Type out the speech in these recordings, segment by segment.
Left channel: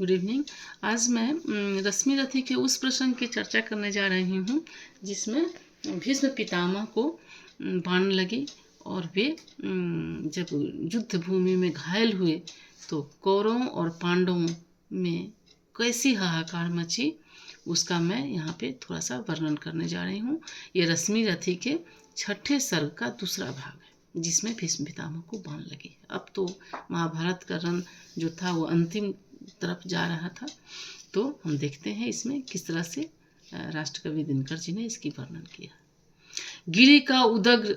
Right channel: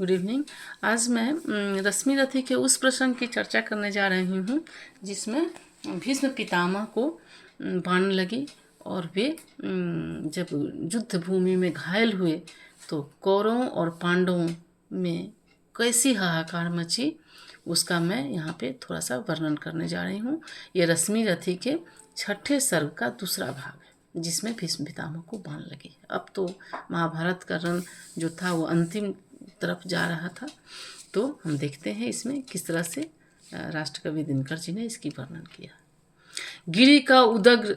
Good evening. आज मैं रश्मि रथी के उस प्रसंग की चर्चा करने जा रही हूँ जिसमें भीष्म पितामह को बाण लगी और वे जब युद्ध भूमि में घायल हुए तो कौरवों और पांडवों में कैसी हाहाकार मची उसका मैं यहाँ पे थोड़ा सा वर्णन करने जा रही हूँ। ये रश्मि रथी के 6ठे सर्ग का दूसरा भाग है जिसमें भीष्म पितामह को बाण लगी। अब तो महाभारत का रण जो था वो अंतिम तरफ जा रहा था, तो हम देखते हैं इसमें किस तरह से राष्ट्रकवि दिनकर जी ने इसकी वर्णन किया। गिरि का उदग्र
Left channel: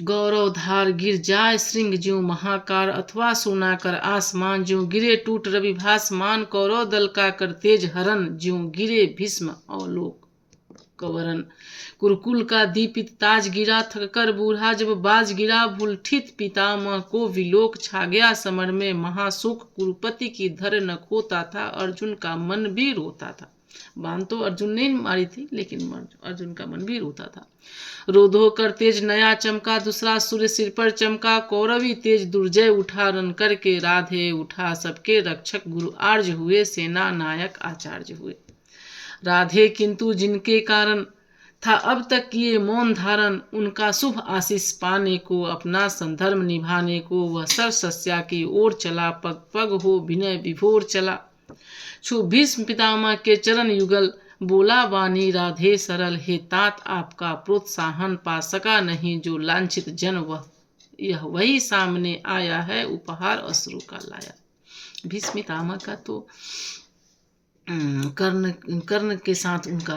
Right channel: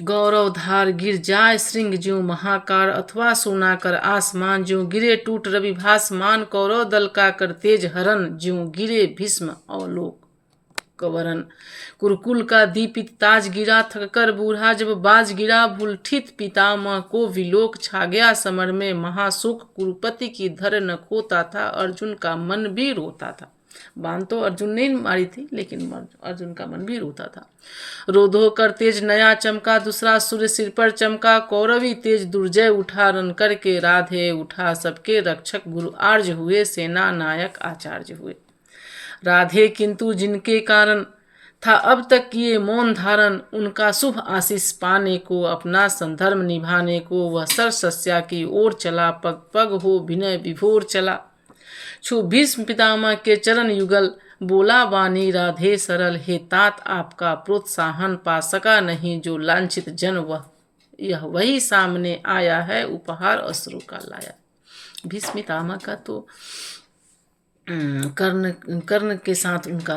गौरवधार गिर जाय श्रृंग ज्यों महाकार, अथवा सुनाकर आसमान ज्यों गिरे टूट रवि भासमान, कौरव दल का कर तेज हरण ज्यों गिरे भीष्म अवलोक कवरन, कुरुकुल का दीपित ताज गिरा थक कर बूढ़ा, जब बाज गिरा भूलठित पितामह को विलोक छा गया समर में महाशोक, कुरुपति की धर न खोता था अर्जुन का मन भी रोता था। बाण तो अर्जुन ने मारी थी लेकिन अर्जुन का मन भी रोता था। रोधो कर तेज नया चमका दूसरा सूर्य सिर पर चमका, कौरवी तेज दुर्जय उठा रन करके राधे उठा, सबके रक्षक गुरु आर्य हुए सेना नायक आचार्य हुए। राधे किंतु जिनके कारण था अब तक किए मौन धारण, उनका शुभ आशीष पाने को अपना संधर्म निभाने को वह सरसस्या की ओर चला, पग पग हो विनय विभोर चला। छू भीष्म पितामह के चरण युगल बोला वाणी राधे सरल, हे तात आपका प्रोत्साहन पा सका नहीं जो लांछित जन वह, यह वही सामने आया है उपहार अश्रु का लाया। भीष्म पितामह का तो कर्ण के साथ उनका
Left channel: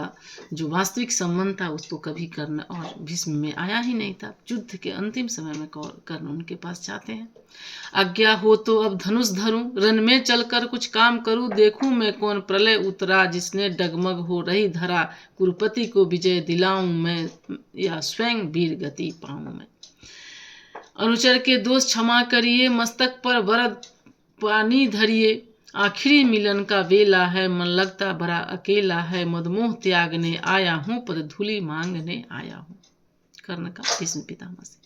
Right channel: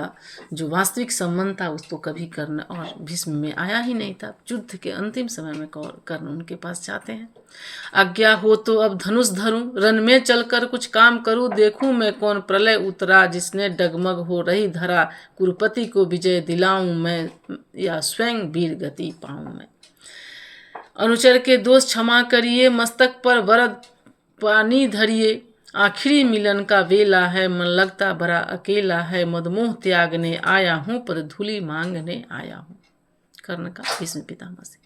जो वास्तविक संबंध था उस तो कभी कर्ण और भीष्म में आया ही नहीं था। युद्ध के अंतिम समय में कर्ण उनके पास जाते हैं। आज्ञा हो तो अब धनुष धरूं, रन में चलकर कुछ काम करूं, देखूं मैं कौन प्रलय उतरा जिसने डगमग हो रही धरा, कुरुपति को विजय दिलाऊं मैं या स्वयं वीर गति पाऊं मैं। अनुचर के दोष क्षमा करिए, मस्तक पर वरद पानी धरिए, आखिरी मिलन का वेला है मन लगता बड़ा अकेला है, मदमोह त्यागने आया हूँ पद धूलि मांगने आया हूँ। कर्ण का भीष्म पितामह से।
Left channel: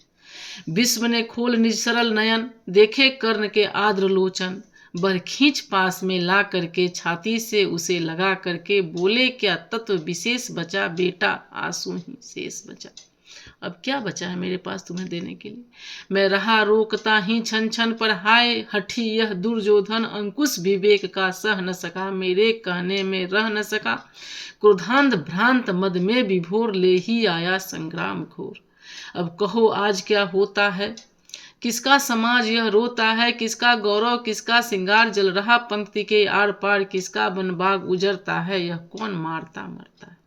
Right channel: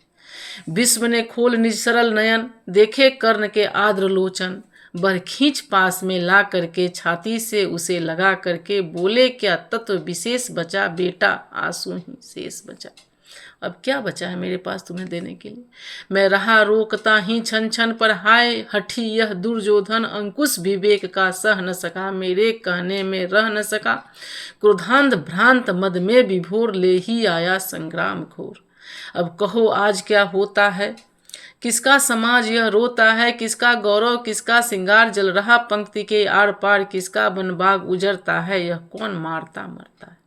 विश्व ने खोल निज सरल नयन, देखे कर्ण के आद्र लोचन, बर खींच पास में ला करके छाती से उसे लगा करके बोले क्या तत्व विशेष बचा बेटा, आंसू ही शेष बचा। अब क्या बचा है मेरे पास तुम्हें देने के लिए, मैं रहा रोकता ही छन छन पर हाय हठी यह दुर्योधन, अंकुश विवेक का सह न सका मेरे कहने में रह न सका, क्रोधांध भ्रांत मद में विभोर ले ही आया संग्राम घोर। अब कहो आज क्या होता है, किसका समाज यह रोता है, किसका गौरव किसका सिंगार जल रहा पंक्ति के आर पार, किसका बनबाग उजरता है, यह कौन मारता मरता है।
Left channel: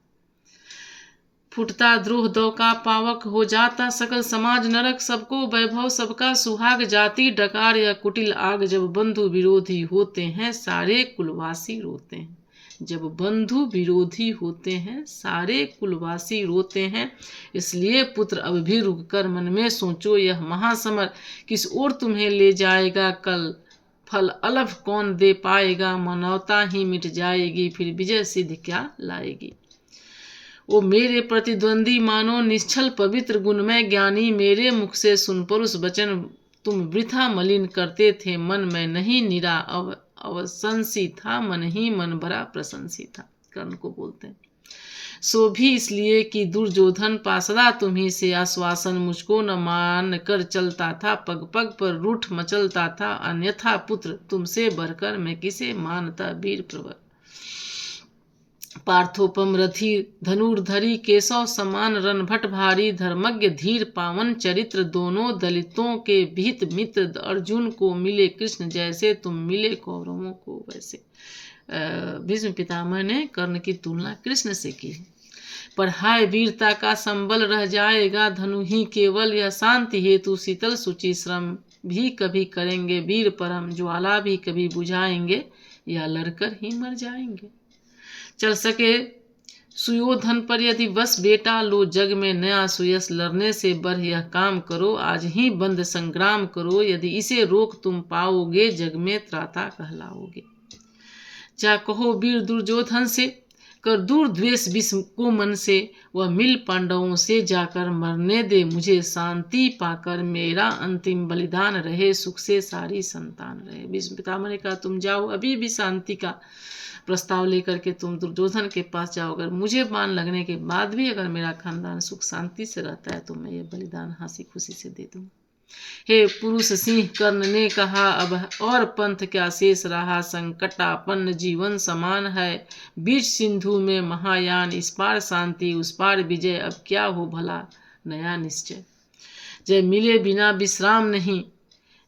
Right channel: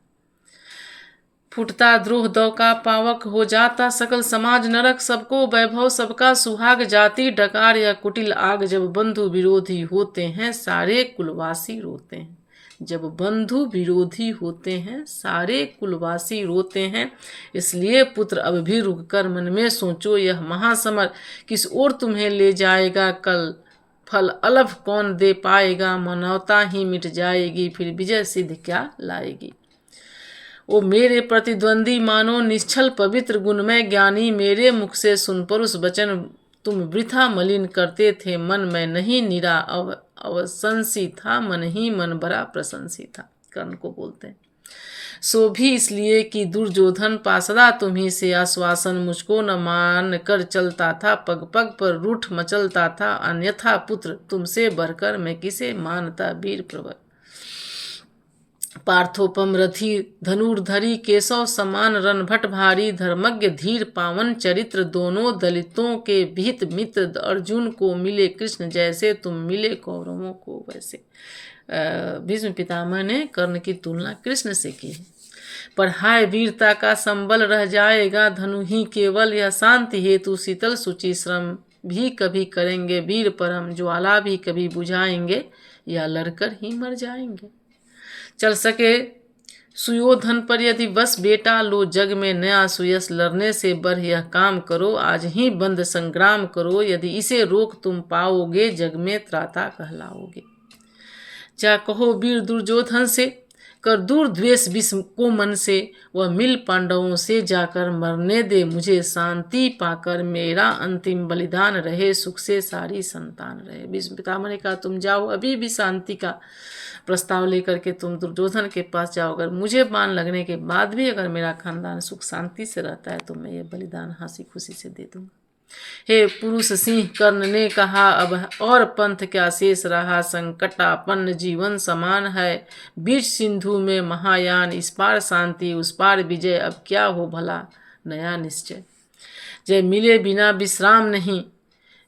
फूटता द्रोह दौ का पावक हो जाता सकल समाज नरक, सबको वैभव सबका सुहाग जाति डकार या कुटिल आग, जब बंधु विरोधी होते हैं सारे कुलवासी रोते हैं। जब बंधु विरोधी होते हैं सारे कुलवासी रोते हैं, इसलिए पुत्र अब भी रुक कर मन में सोचो यह महासमर किस ओर तुम्हें ले जाएगा, कल फल अलभ कौन दे पाएगा, मानवता ही मिट जाएगी फिर विजय सिद्ध क्या लाएगी। ओ मेरे प्रतिद्वंदी मानो निश्चल पवित्र गुणमय ज्ञानी, मेरे मुख से सुन परुष वचन तुम वृथा मलिन करते थे, मन में नहीं निरा अवसंसी था, मन ही मन बड़ा प्रशंसी था। कर्ण को बोलते हैं सो भी इसलिए कि दुर्योधन पासदा तुम्ही से आश्वासन मुझको न मान कर चलता था, पग पग पर रूठ मचलता था, अन्यथा पुत्र तुमसे बढ़कर मैं किसे मानता वीर प्रवर। पार्थोपम रथी धनुर्धरी केशव समान रणभट भारी, धर्मज्ञ धीर पावन चरित्र दोनों दलितों के विहित मित्र, अर्जुन को मिले कृष्ण जैसे तुम मिले कौरवों को वैसे। भीष्म पितामह ने कर्ण की तुलना कृष्ण से की है। पर हाय वीरता का संबल रह जाएगा धनु ही केवल, यह शांति हेतु शीतल सुचि श्रम भी कभी करेंगे वीर परम, ज्वाला भी कभी बुझाएंगे या लड़कर ही मर जाएंगे। चल सके सुयोधन पर यदि बस बेटा, लो जग में नया सुयस लड़ने से बढ़ यह काम करो, आज ही बंद संग्राम करो, यदि इसे रोक तुम पाओगे जग में त्राता कहलाओगे। जा कहो वीर दुर्योधन से कर दूर द्वेष विष को मन से, वह मिल पांडवों से जाकर मरने दे मुझे शांति पाकर, मेरा अंतिम बलिदान रहे सुख से सारी संतान रहे। भीष्म पितामह ने कहा तुम जाओ, अभी भी शांति का प्रस्ताव लेकर के तुम दुर्योधन के पास जाओ, अगर मुझे बाण लगने के बाद भी अगर मेरा खानदान सुख शांति से रहता है तो मैं ये बलिदान हंसी खुशी से दे दूंगा। हे पुरुष सिंह कर्ण ने कहा, अब और पंथ क्या शेष रहा, संकटापन्न जीवन समान है, बीच सिंधु में महायान, इस पार शांति उस पार विजय, अब क्या हो भला नया निश्चय। जय मिले बिना विश्राम नहीं,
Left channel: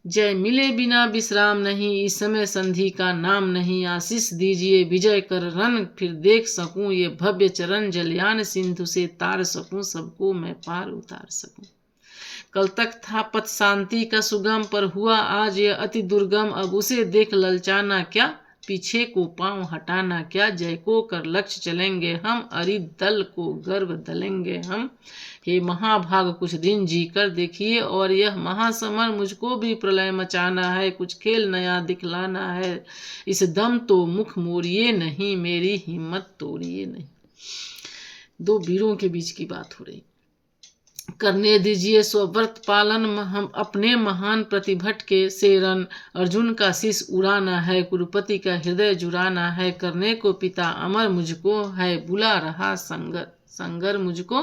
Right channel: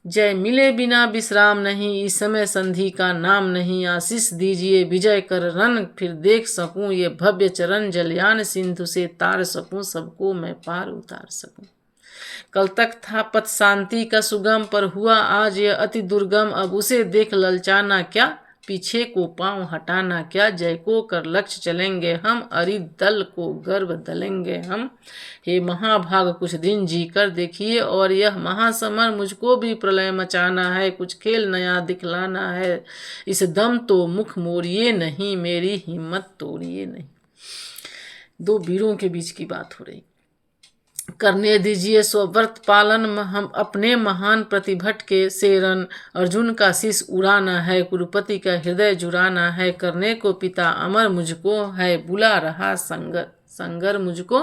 जय मिले बिना विश्राम नहीं, इस समय संधि का नाम नहीं, आशीष दीजिए विजय कर रन, फिर देख सकूं ये भव्य चरण, जलयान सिंधु से तार सकूं, सबको मैं पार उतार सकूं। कल तक था पथ शांति का सुगम, पर हुआ आज ये अति दुर्गम, अब उसे देख ललचाना क्या, पीछे को पांव हटाना क्या, जय को कर लक्ष्य चलेंगे हम, अरि दल को गर्व दलेंगे हम। हे महाभाग कुछ दिन जी कर देखिए, और यह महासमर मुझको भी प्रलय मचाना है, कुछ खेल नया दिखलाना है, इस दम तो मुख मोड़िए नहीं, मेरी हिम्मत तोड़िए नहीं। दो वीरों के बीच की बात हो रही। करने दीजिए स्वव्रत पालन, हम अपने महान प्रतिभट के सेरन, अर्जुन का शीश उड़ाना है, कुरुपति का हृदय जुड़ाना है, करने को पिता अमर मुझको है, बुला रहा संगर संगर मुझको,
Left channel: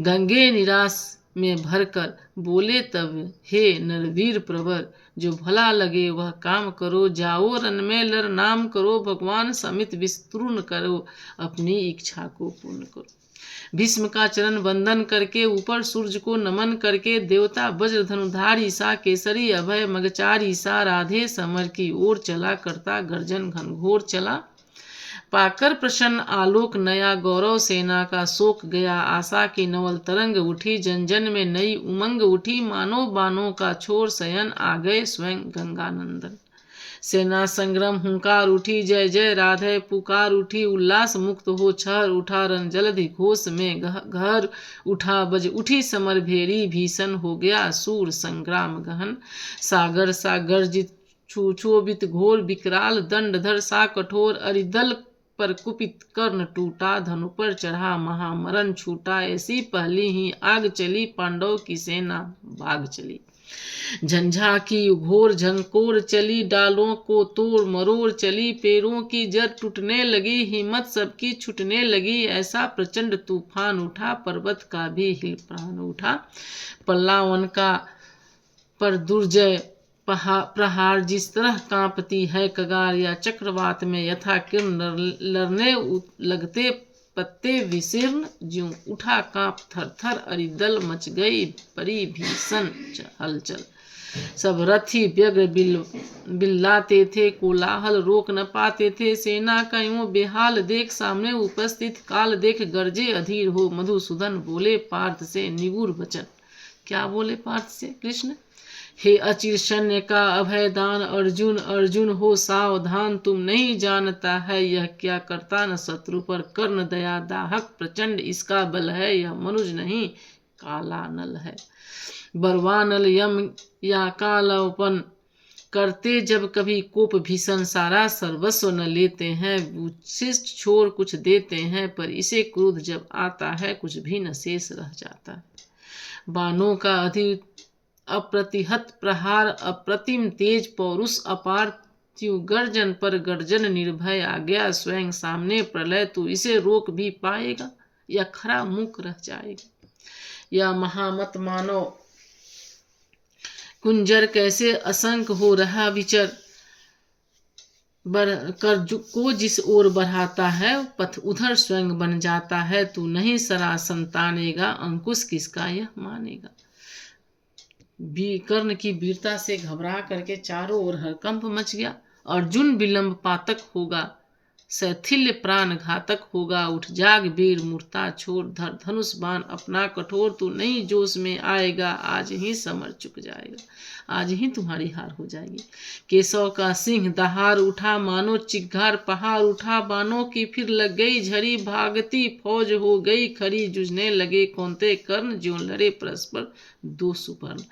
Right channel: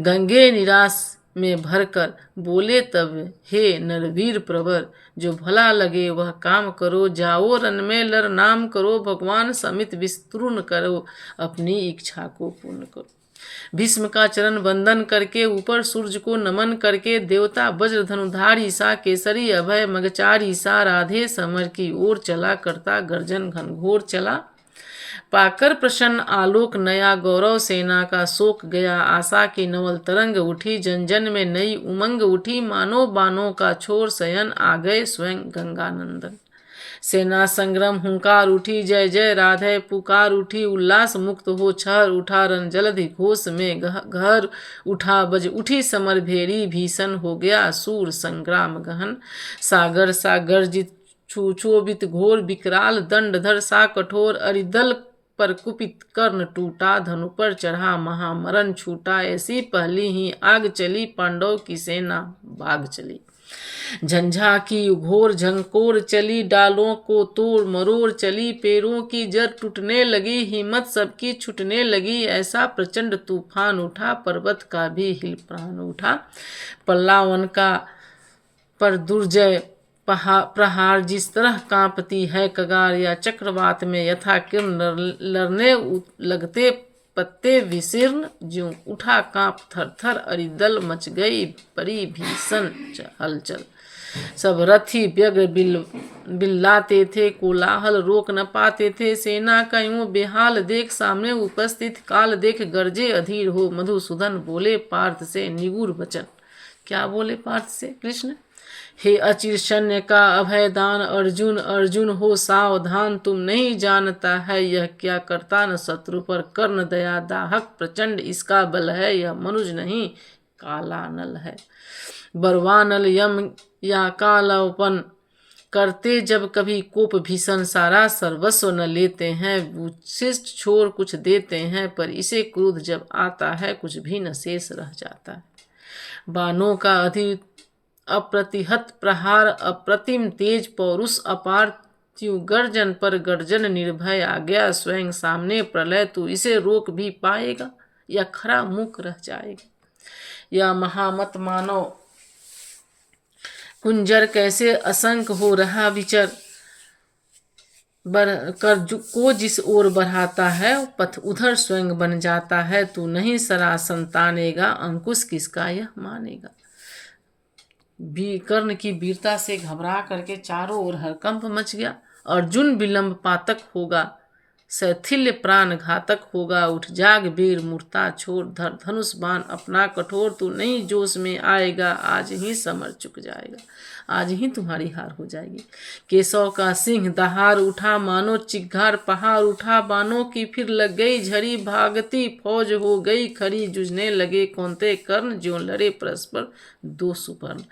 गंगे निराश में भरकर बोले तब हे नरवीर प्रवर, जो भला लगे वह काम करो, जाओ रन में लर नाम करो, भगवान समित विस्तृण करो, अपनी इच्छा को पूर्ण करो। भीष्म का चरण वंदन करके ऊपर सूर्य को नमन करके, देवता वज्र धनुधारी सा केसरी अभय मगचारी सा, राधे समर की ओर चला, करता गर्जन घनघोर चला, पाकर प्रसन्न आलोक नया, गौरव सेना का शोक गया, आशा की नवल तरंग उठी, जन जन में नई उमंग उठी, मानो बानों का छोर शयन, आ गए स्वयं गंगानंदन। सेना संग्राम हुंकार उठी, जय जय राधे पुकार उठी, उल्लास मुक्त हो छहर उठा, रन जलधि घोष में घर उठा, बज उठी समर भेरी, भीषण हो गया सूर संग्राम गहन, सागर सा गर्जित क्षोभित घोर, विकराल दंडधर सा कठोर, अरिदल पर कुपित कर्ण टूटा, धनु पर चढ़ा महामरण छूटा, ऐसी पहली ही आग चली, पांडव की सेना भाग चली। झंझा की घोर झंकोर चली, डालों को तोड़ मरोड़ चली, पेड़ों की जड़ टूटने लगी, हिम्मत सबकी छूटने लगी, ऐसा प्रचंड तूफान उठा, पर्वत का भी हिल प्राण उठा, पल्लावन का पर दुर्जय प्रहार, जिस तरह कांपती है कगार, या चक्रवात में यथा किरण लड़ने लगते पत्ते विशीर्ण, ज्यों उठा कांप थर थर, अरिदल मच गई बड़ी भीषण हलचल, सब रथी व्यग्र बिल्लाते थे, कोलाहल रोक न पाते थे, सेना का यूं बेहाल देख, सामने उपस्थित काल देख, गर्जे अधीर हो मधुसूदन, बोले पार्थ से निगूढ़ वचन। क्या बोले पार्थ से कृष्ण? हे अचिर सैन्य का अभयदान अर्जुन, अर्जुन हो सावधान, तुम नहीं जानता है यह क्या करता, न शत्रु पर कर्ण दया दाहक प्रचंड इसका बल है, यह मनुज नहीं काला नल है। बरवानल यम या कालापन करते जब कभी कोप भीषण, सारा सर्वस्व न लेते हैं, उच्छिष्ट छोड़ कुछ देते हैं, पर इसे क्रोध जब आता है कुछ भी न शेष रह जाता है। बाणों का अधिक अप्रतिहत प्रहार, अप्रतिम तेज पौरुष अपार, त्यों गर्जन पर गर्जन निर्भय, आ गया स्वयं सामने प्रलय, तू इसे रोक भी पाएगा या खरा मुक रह जाएगा। या महामत मानव कुंजर कैसे असंख्य हो रहा विचर, कर को जिस ओर बढ़ाता है पथ उधर स्वयं बन जाता है, तू नहीं सरा संतानेगा, अंकुश किसका यह मानेगा। कर्ण की वीरता से घबरा करके चारों ओर हरकंप मच गया। अर्जुन विलंब पातक होगा, शैथिल्य प्राण घातक होगा, उठ जाग वीर मूर्ता छोड़, धर धनुष बाण अपना कठोर, तू नहीं जोश में आएगा, आज ही समर चुक जाएगा, आज ही तुम्हारी हार हो जाएगी। केशव का सिंह दहाड़ उठा, मानो चिघार पहाड़ उठा, बानों की फिर लग गई झड़ी, भागती फौज हो गई खड़ी, जुझने लगे कौनते कर्ण, ज्यों लड़े परस्पर दो सुपर्ण।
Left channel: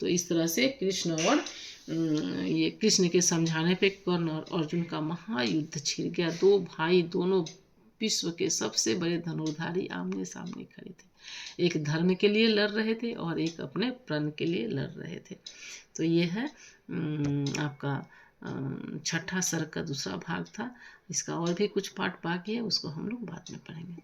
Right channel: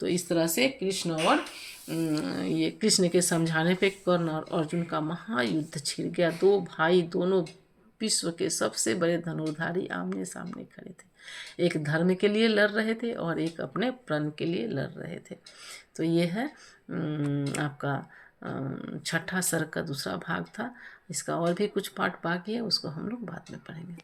तो इस तरह से कृष्ण और ये कृष्ण के समझाने पे कर्ण और अर्जुन का महायुद्ध छिड़ गया। दो भाई दोनों विश्व के सबसे बड़े धनुर्धारी आमने सामने खड़े थे। एक धर्म के लिए लड़ रहे थे और एक अपने प्रण के लिए लड़ रहे थे। तो ये है आपका छठा सर्ग का दूसरा भाग था। इसका और भी कुछ पार्ट बाकी है, उसको हम लोग बाद में पढ़ेंगे।